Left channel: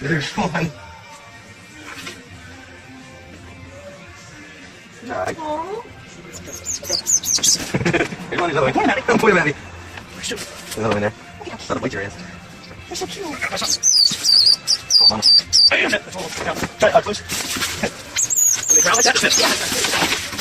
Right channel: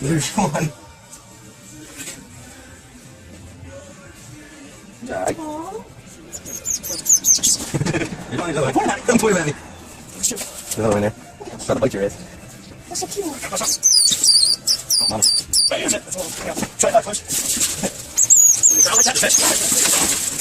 There's one. Alright. Hello, man. About to bite your ass. That's so cute. Come on. Hey, that's it. That's all. Now, try it out, folks. Let me grab it. That's it.